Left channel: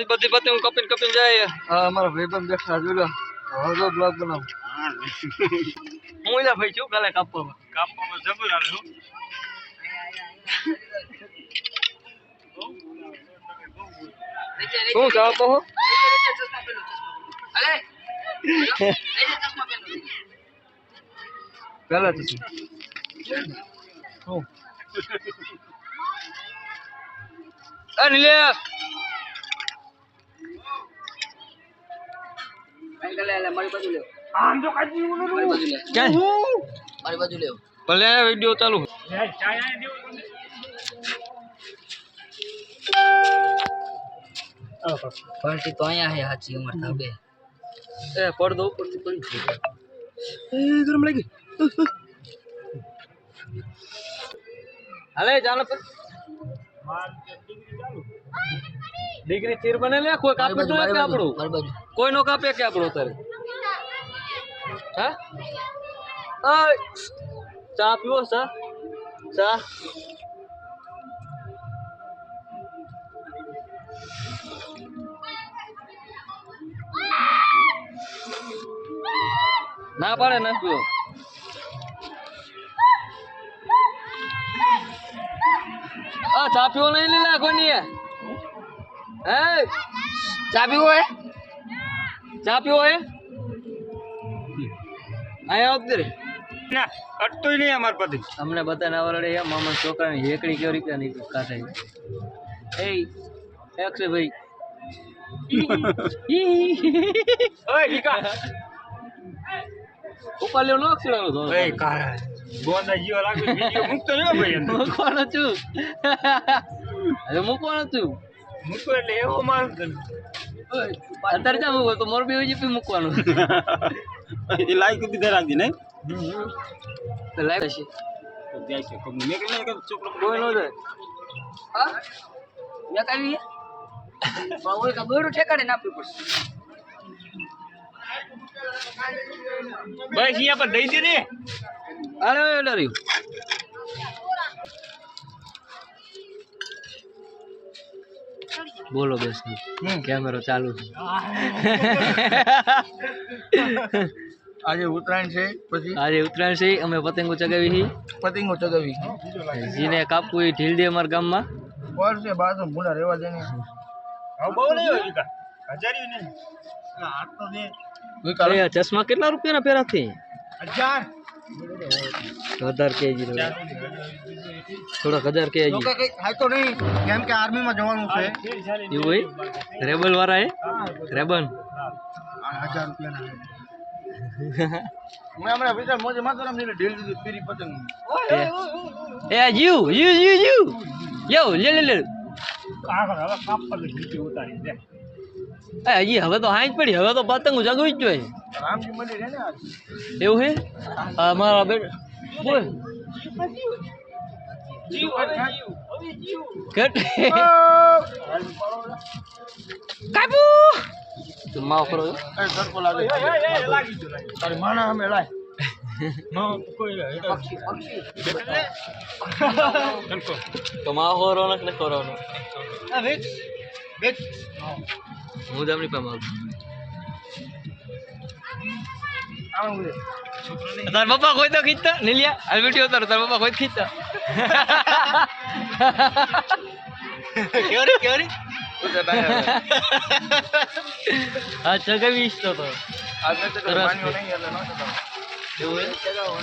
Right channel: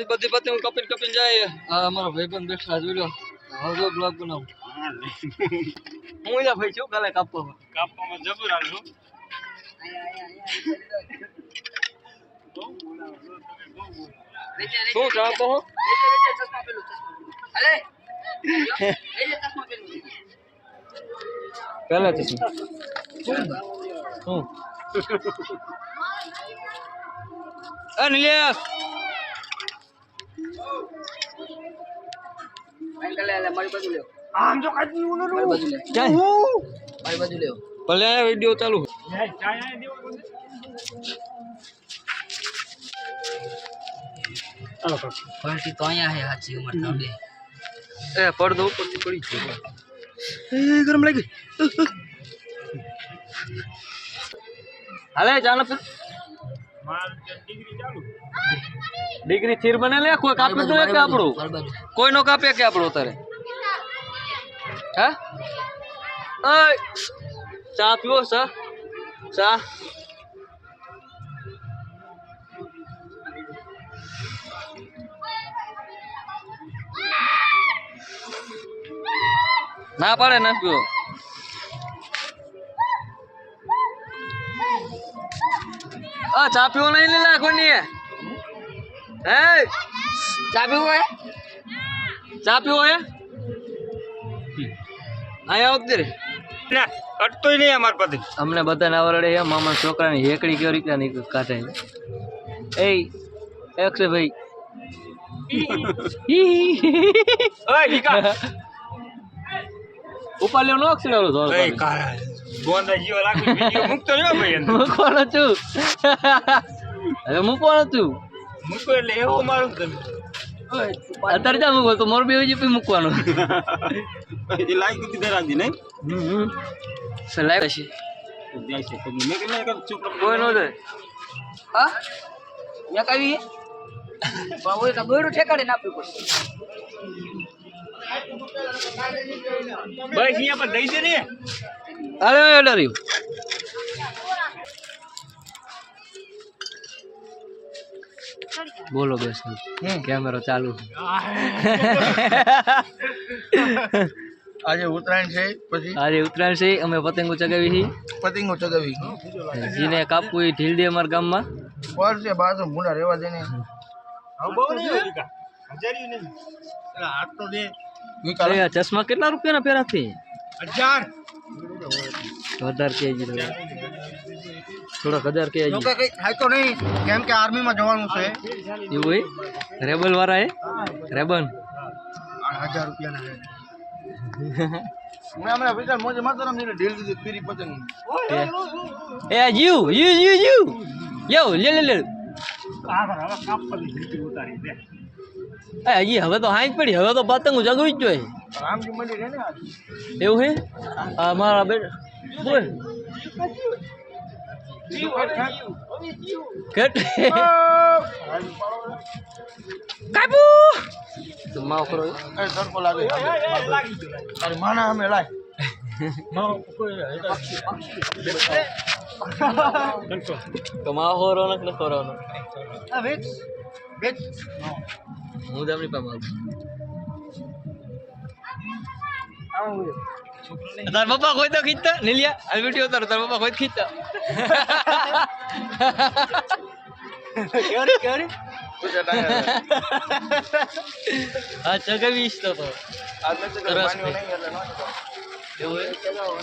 બધી પતિ હું કપીને જાય અમારા ભાઈબંધ બેઠા જોઈ લો હવે બ્લોગ બનાવ હું એલા ભાઈ છું કાલે કાપવામાં જબર આવે છું શું કાપો હો અલે ચશ્મા પહેલા ચશ્મા હું અનિલેશ મારી બાજુ લે આમ જો કાજી ઉનો મારી બાજુ લે ક્યાં મારી બાજુ લે ભલે વિડિયો ચાલુ ચાય દેવો પાર્ટી તો અહીંયા હે સાચી ઉમર થાબે એ પડદો ઉપરથી પડી ગયો એ ગરમ લાગી હાલે ચાલો ફિર માર ડિગ્રી ચાલુ ડિગ્રી ચીર બને લે કોઈ કાપે તો એક આપણો કોઈ નો કાપે કે આપણો તારે હે ઓય ચા પીવો ચા ના પાડે ના પીવો ચા પીવો નહીં લીલા કોની હે ચા પીવો હે આયા વખતે ના કટતોય નહીં અમાર પતિ અમને બધાને આવડે એમ મામા છોકરાની હેકડી કેવી રીતે નહીં કાઢે એ એકસે ભાઈ ઓય ઠીકા ઉપર લ્યો નો અક્ષરાલો ધોર એ કાળા ગોંડા જીવા લાગે વિડિયો મુકતો રહ્યો ભાઈ અંદર મૂકવાનો છું હવે મૂકવાનો છું મૂકો એટલે એવો મારું તમે અત્યારે જા મૂકો તો મોરબી હોય મૂકવાનું એ લાઈક કુતી ધરાવી ને લાઈક છે જાય છે તો મેં કે ના ચૂપ કોઈ નો જાય હા યા કાવી બાવોય કા બોયરો ઠેકાડે નાપી પડશે ભાઈ અહીંયા પર દઈ દે રે અરે એડો રહ્યો બોલો બેસ કેમેરો ચાલુ આજે ઉત્તરાયણ છે પછી અમે પતંગો ચગાવી જીને કાપવું એ ઢીલ દે અમારા ગામમાં પર છે બાજુ મુંડા રેવા દે ને હાથ તો દે ચશ્મા કેટલા રૂપિયાના પહેરા છે 1000 1000 કેજી થોડાક 1000 કેજી થાય તો નહીં કેમ કે આર્મી માં જવાનું છે એવું હોય રેબલ વાળા હે રેબન 1000 રૂપિયાના હે મેં હમણાં પૈસા મોજે માતરમ ને ઢીલ દીધું પીરી પતંગ એ યુ યો લે હજી હવે તો હાઈ પડી હવે તો પતંગ જગવી જ જોઈએ રામજી મંદિર હે ને એવું હે મારા બેટા બોલ કાપુ તો માવ કરો એ સરકો લાગે તારી માના અમે લાય તો માવ હોરો ને ખોરવાનો આ વેચ હું દામની પામાં તાર પપ્પા કોઈ તો ખીચતા નીલિયા આ વિડિયો તાર પપ્પા કોઈ ખીચતા કેવરી આ ચગાવીશ તો આજ મેં તો માન્યો નહીં એટલે નો ચગાવ એવું ચગાવો